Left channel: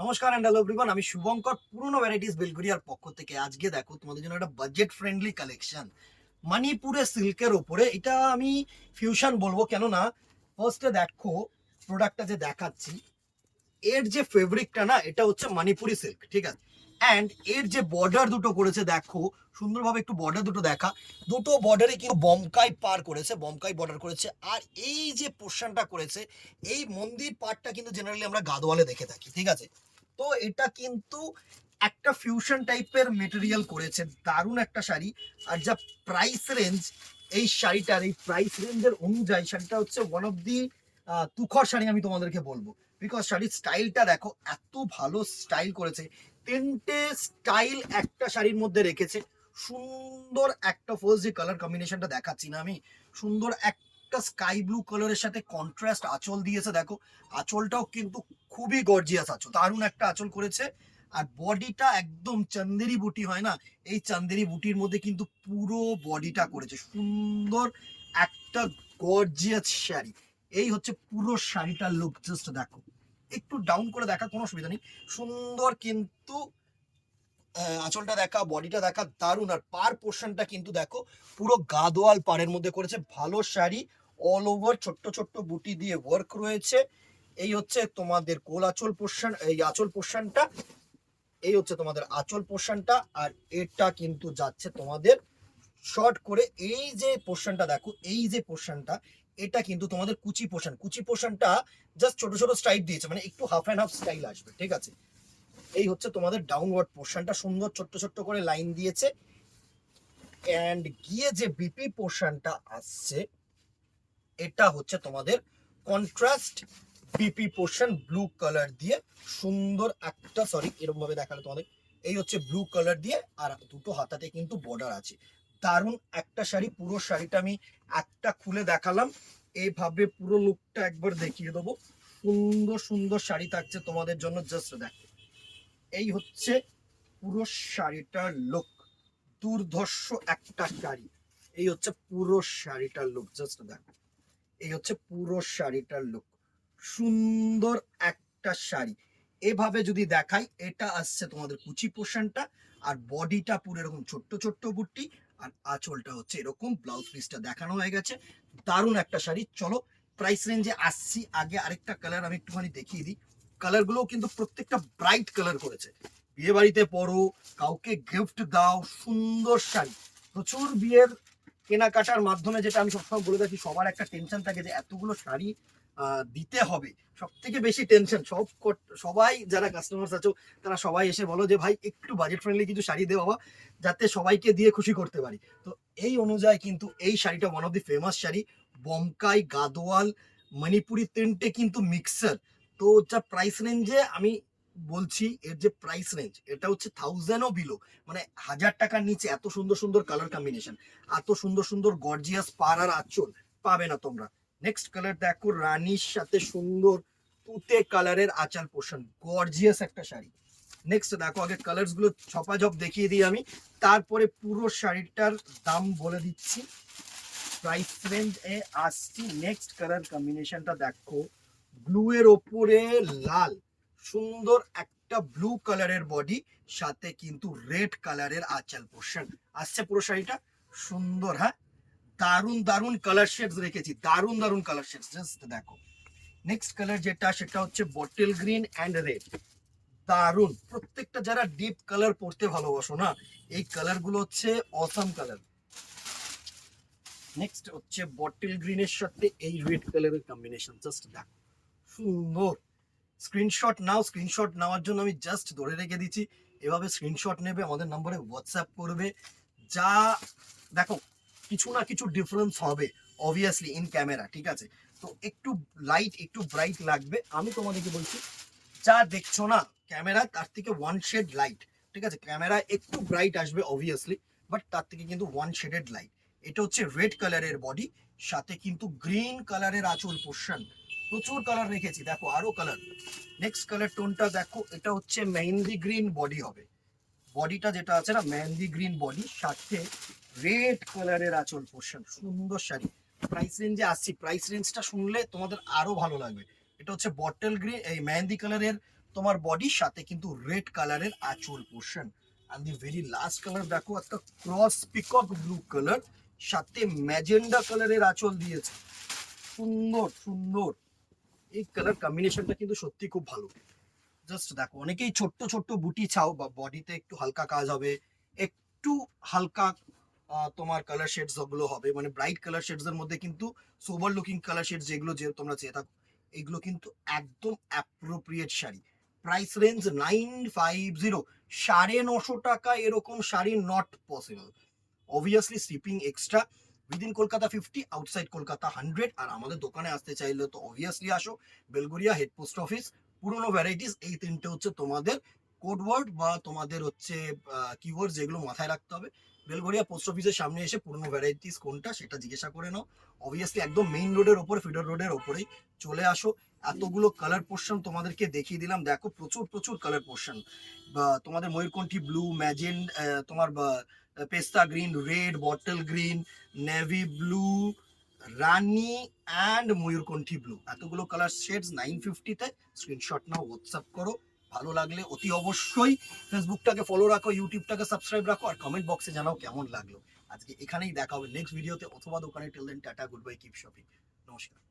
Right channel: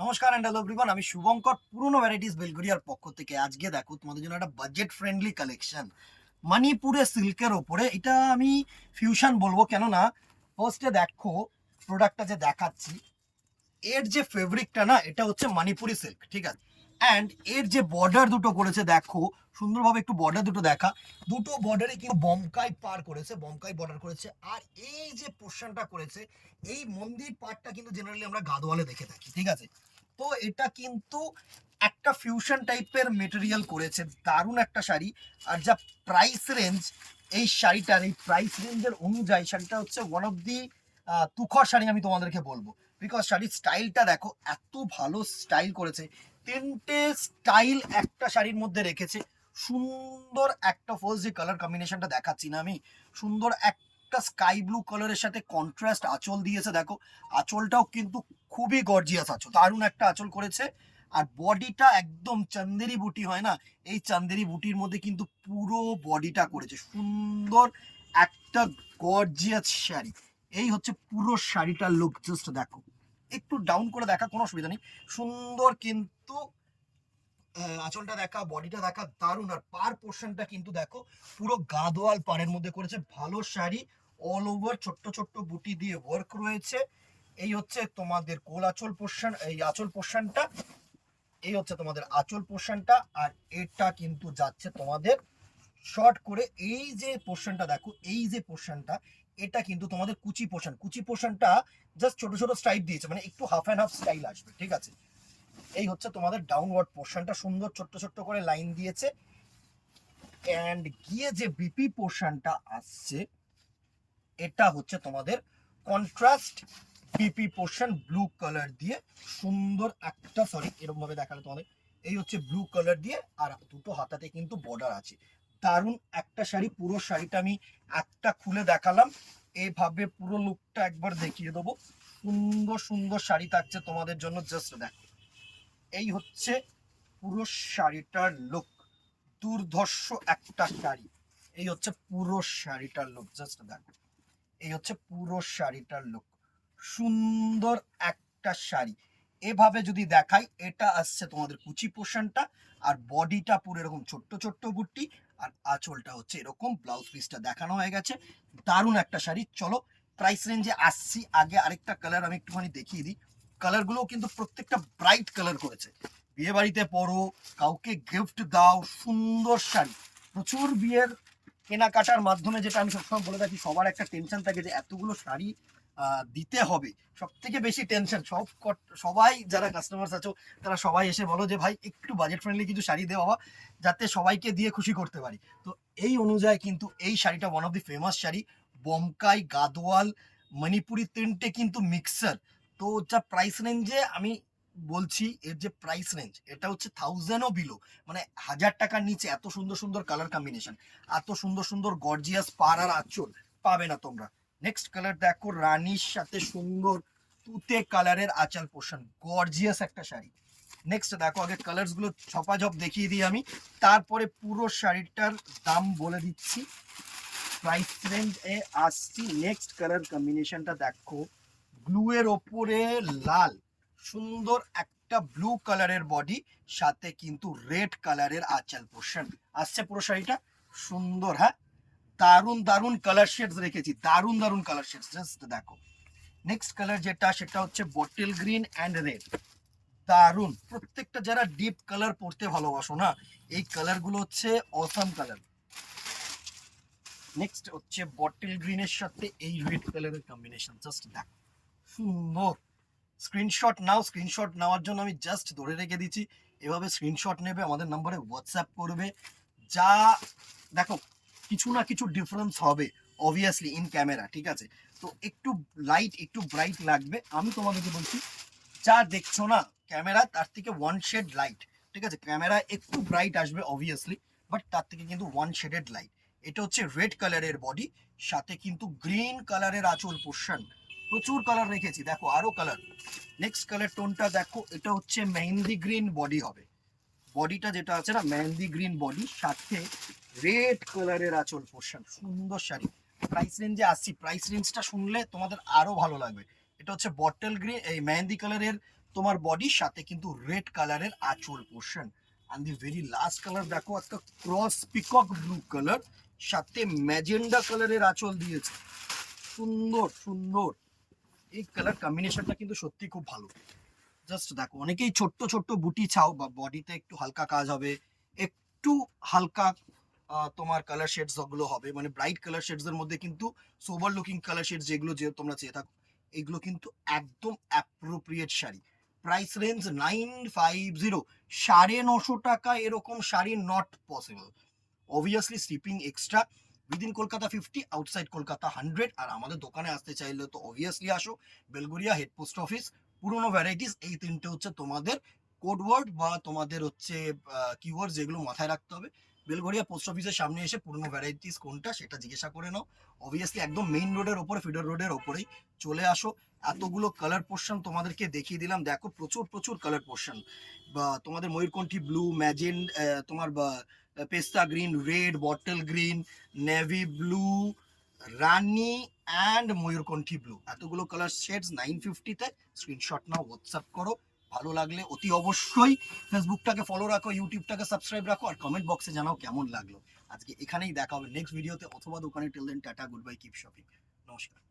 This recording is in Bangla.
নমস্কার এন্ড হ্যালো এভরিওয়ান, আমি শুভঙ্কর পুরনো ভ্যারাইটিস বেলগড়িয়ার পক্ষ থেকে আজকে দেখো তোমাদের জন্য একটা বাজেট ফ্রেন্ডলি কালেকশন মণিপুরের সিল্কের ওপরে। এটা আমি ফিউশন বলবো, কেন না ফার্স্টে দেখো প্রোডাক্টটা যে দেখাচ্ছি, এর যে ফেব্রিকটা না, এটা হচ্ছে মণিপুরি সিল্ক, ঠিক আছে। অ্যান্ড এর যে বর্ডার দুটো করেছে দেখো সুন্দরভাবে, একটু বর্ডার দুটো দেখা, দুটো বর্ডারে কিন্তু বমকাই পার করেছে, বমকাই বর্ডার করেছে। আর এই যে পোর্শনটা করেছে, এই মন্দির পার্টটা কিন্তু জেনারেলি আমরা গাদোয়ালে দেখে থাকি, ঠিক আছে। তো এটা কিন্তু একটা ফিউশন টাইপের মেটেরিয়াল করেছে, দারুণ একটা শাড়ি। আর যা প্রাইস রেঞ্জ এই শাড়িটার, এই প্রাইস রেঞ্জের অনুযায়ী শাড়িটা হচ্ছে ওয়ান অফ দি তুখর শাড়ি আমি তোমাদেরকে বলবো। বিকজ শাড়ির স্টাইলটা দেখো, এত ভালো স্টাইল করেছে, তিনটে স্টাইল একটা শাড়ির মধ্যে রেখেছে। সুন্দর একটা ফার্স্ট যে কালার কম্বিনেশনটা দেখাচ্ছি না আমি, সুন্দর একটা স্কাই ব্লু কালারের সাথে কন্ট্রাস্ট আঁচল দিয়েছে দেখো। আঁচলটাও কিন্তু খুবই গর্জিয়াস আঁচল, দারুণ একটা আঁচল করেছে। আর বডিটা একদম চান্দেরি বুটি হয় না, এই চান্দেরি বুটির মধ্যে কিন্তু পুরো বডিটা করেছে সুন্দর একটা গর্জিয়াস শাড়ি। এই হচ্ছে পুরো শাড়িটার লুক, জাস্ট দেখো, একটু ডাউন করে দেখা, কোনো অসুবিধা নেই। সুন্দর কিন্তু আঁচলটা দেখা, বডিটা দেখা, দারুণ। আর পার পোর্শনটা কিন্তু দেখো পুরো গাদোয়াল পাড়ের মধ্যে করেছে, ভালো শাড়ি। অল ওভার ছোট্ট ছোট্ট বুটি দিয়ে ওয়ার্ক রয়েছে। এই হচ্ছে তোমাদের কোল আঁচল পোর্শন, এই আঁচল পোর্শনটা, এই হচ্ছে তোমাদের আঁচল পোর্শনটা। আর এটা কিন্তু যাচ্ছে তোমাদের শর্ট করে। এই যে পোর্শনটা দেখো, এই যে পোর্শনটা, এটা কিন্তু তোমাদের কুচি পোর্শন, কুচি পোর্শনটা জাস্ট ছোট ছোট স্ট্রাইপ দিয়েছে, মানে একটু হাফ অ্যান্ড হাফ স্টাইল আসবে, ঠিক আছে। এই হচ্ছে তোমাদের ডাউনওয়ার্ড পোর্শনটা, সুন্দর ছোট্ট ছোট্ট করে লাইন দিয়েছে। এন্ড গিয়ে যে বিপি পোর্শনটা আসছে, এটা হচ্ছে তোমাদের contrast BP portion, blue colour দিয়ে সুন্দর একটা, সরি এরকম ভাবে দেখালে তোমাদের, এই হচ্ছে ব্লু কালার দিয়ে। আর দুটো হাতাতে কিন্তু বর্ডার আছে, দারুণ একটা শাড়ি। পুরো শাড়িটা আমি একটা খুলে দেখালাম, এইভাবে পুরো লুকটা একবার দেখিয়ে দেবো। সুন্দর সুন্দর শাড়ি থাকছে তোমাদের জন্য, জাস্ট দেখো। এই হচ্ছে পুরো শাড়িটার লুক, দুর্ধর্ষ একটা শাড়ি। এই হচ্ছে পুরো শাড়িটার লুক, জাস্ট দেখো। এই হচ্ছে পুরো শাড়িটার লুক, সুন্দর একটা শাড়ি। এভাবে যদি দেখাই, এটা আসছে তোমাদের কুচি পোর্শনটা, আর বডিটা পুরো এরকম ছোট্ট ছোট্ট বুট্টি, আর আঁচলটা হচ্ছে এরকম। ব্লাউজ পিসটা দেখানো হয়ে গেছে, দারুণ একটা শাড়ি। চলো প্রাইস রেঞ্জে আসছি, আগে আরেকটা কালার আমি একটুখানি দেখিয়ে দিই। কালারগুলোও কিন্তু প্রত্যেকটা ব্রাইট কালার করেছে, বিয়ে বাড়িতে পরো, কাউকে গিফট দাও, সুন্দর শাড়ি। প্রচুর বিয়ের কেনাকাটার মাধ্যমে, যেটা আমি সবসময় বলে থাকি, সবার একটা টেনশন থাকে যে এতগুলো শাড়ি দিতে হবে। সব থেকে বেশি টেনশন সবাই যারা কাস্টমার্স আছো, তারা সবাই এসে বলো যে ভাই একটু বাজেট ফ্রেন্ডলি কিছু শাড়ি দে বাবা, যাতে সবাইকে দিয়ে খুশি করতে পারি। তো এই অনুযায়ী কিন্তু এই শাড়িটা one of the famous sari. Bomkai, Gadwal, Manipuri তিনটে কিন্তু মিক্সার। তো যা প্রাইস রেঞ্জে আমি বলছি, এর যে প্রাইস রেঞ্জ, এটা হচ্ছে 1000ও বিলো, মানে 1000 টাকার নিচে এত সুন্দর সুন্দর কালার কম্বিনেশন, এত সুন্দর সুন্দর গর্জিয়াস পার আর আঁচল পাবে না তোমরা। নেক্সট কালার দেখো, রানীর সাথে সুন্দর তুতে কালারের আঁচল পোর্শন, গর্জিয়াস একটা শাড়ি। নেক্সট দেখো, আগে কালার্স গুলো ঝপাঝপ দেখিয়ে দিই আমি, তারপরে পুরো শাড়িটার দাম বলে দিচ্ছি, প্রাইস রেঞ্জ এ আসছি। নেক্সট কালার কম্বিনেশনটা দেখো, ব্লু এর ওপরে লাল, সুন্দর একটা ব্লু কালারের বডি, সাথে কিন্তু রেড কালারের আঁচল পোর্শন আসছে পুরো শাড়িটা। সুন্দর, হ্যাঁ, দারুন দারুন কালার শেডস রেখেছি, দারুন দারুন কালার শেডস, জাস্ট দেখো। নেক্সট কালার যেটা, সেটা হচ্ছে বটল গ্রিন অ্যান্ড রেড, দারুন। প্রত্যেকটা যারা ডিপ কালার পড়তে ভালোবাসো না, এই কালার গুলো হচ্ছে অসাম কালার। নেক্সট হচ্ছে বটল গ্রিনের সাথে এই রেড কালারের কম্বিনেশন, জাস্ট দেখো, সুন্দর। স্ক্রিনশট নাও, স্ক্রিনশট নেওয়ার জন্য আমি জাস্ট ধরে রেখে দিচ্ছি, এভাবে স্ক্রিনশট নেবে, আমাদের নম্বরে হোয়াটসঅ্যাপ করবে। যা দেখো, কিছু না কিছু ডিফারেন্স হবে অবভিয়াসলি ইন ক্যামেরা, ঠিক আছে। তো একটু লাইট, একটু ব্রাইট লাগবে, আমি তোমাদেরকে বলছি, যা দেখছো না ক্যামেরা, তার থেকে ওয়ান শেড লাইট, ঠিক আছে। ক্যামেরা একটু ব্রাইট আসবে অবভিয়াসলি, বাট তার থেকে কিন্তু ওয়ান শেডেড লাইট। এটা হচ্ছে রেড কালারের বডি, সাথে কিন্তু গ্রিন কালারের আঁচল পোর্শন, প্রচুর কালার রেখেছি দেখো, আরো কালার। নেক্সট কালার টোনটা দেখো, এটা হচ্ছে মেহেন্দি গ্রিন বডি হবে, বডিটা যেটা আছে না মেহেন্দি গ্রিন বডি, সাথে রেড কালারের আঁচল পোর্শন, সুন্দর শাড়ি। প্রাইস রেঞ্জে আসছি, প্রাইস রেঞ্জটা শুনলে তোমাদের আরো ভালো লাগবে। এটা হচ্ছে বটল গ্রিন, এই মেহেন্দি কালারের তোমার বডির সাথে কিন্তু রেড কালারের আঁচল portion. And the very last colour দেখো একটা ক্রস পিকক ব্লু কালার, সাথে ম্যাজেন্ডা কালারের আঁচল দিয়েছে। সুন্দর সুন্দর এই কালার কম্বিনেশনটা কিন্তু সত্যি খুব ভালো। জাস্ট দেখো, অনেকেই ছোট্ট ছোট্ট বুটি চাও বা বডিতে একটু হালকা কাজ হবে, একটু হালকা তোমার কালার শেডস গুলো হবে, মানে ব্রাইট কালার শেডস এর মধ্যে কিন্তু সোবার লুকিং কালার শেডস যেগুলো যে তোমরা চেয়ে থাকো, এগুলো কিন্তু একদম অ্যাপ্রোপ্রিয়েট শাড়ি। প্রাইস রেঞ্জ 950, 950 টাকা এরকম sari not possible. Obviously shipping extra, within Kolkata 50, outside Kolkata 100। আর আমাদের দোকানে আসতে চাইলে তো অবভিয়াসলি আসো, বেলগোরিয়া হেড পোস্ট অফিস, পুরোনো ভ্যারাইটিস। এই তিনটে হচ্ছে তোমাদের কোড ওয়ার্ড বা তোমাদের হচ্ছে কিওয়ার্ড যেগুলো মাথায় রাখতে হবে। বেলগোরিয়া পোস্ট অফিসের সামনে এসে পুরোনো ভ্যারাইটিস কোনটা সেটা জিজ্ঞাসা করে নাও। অবভিয়াসলি একদম মেইন রোডের ওপরে, ফিডার রোডের ওপরেই চলে আসো। এতগুলো কালার পোর্শন তোমাদেরকে দেখিয়ে দিলাম, দেখো প্রচুর প্রচুর কালার পোর্শন। বা তোমাদের ময়ূরকণ্ঠী ব্লু, ম্যাজেন্ট, তোমার পেস্তা green, red, bottle green, navy blue, রানি অ্যান্ড ময়ূরকণ্ঠী ব্লু, এতগুলো কালার শেডস 950-তে। স্ক্রিনশট নাও, হোয়াটসঅ্যাপ করো। ভালো লাগলে অতি অবশ্যই ফেসবুকটাকে ফলো রাখো, ইউটিউবটাকে সাবস্ক্রাইব রাখো, আর কমেন্ট বক্সে জানাও কেমন লাগলো। আজকে এখানেই দেখা হবে নেক্সট ভিডিওতে অথবা দোকানে। Till then tata, good bye, keep shopping, নমস্কার।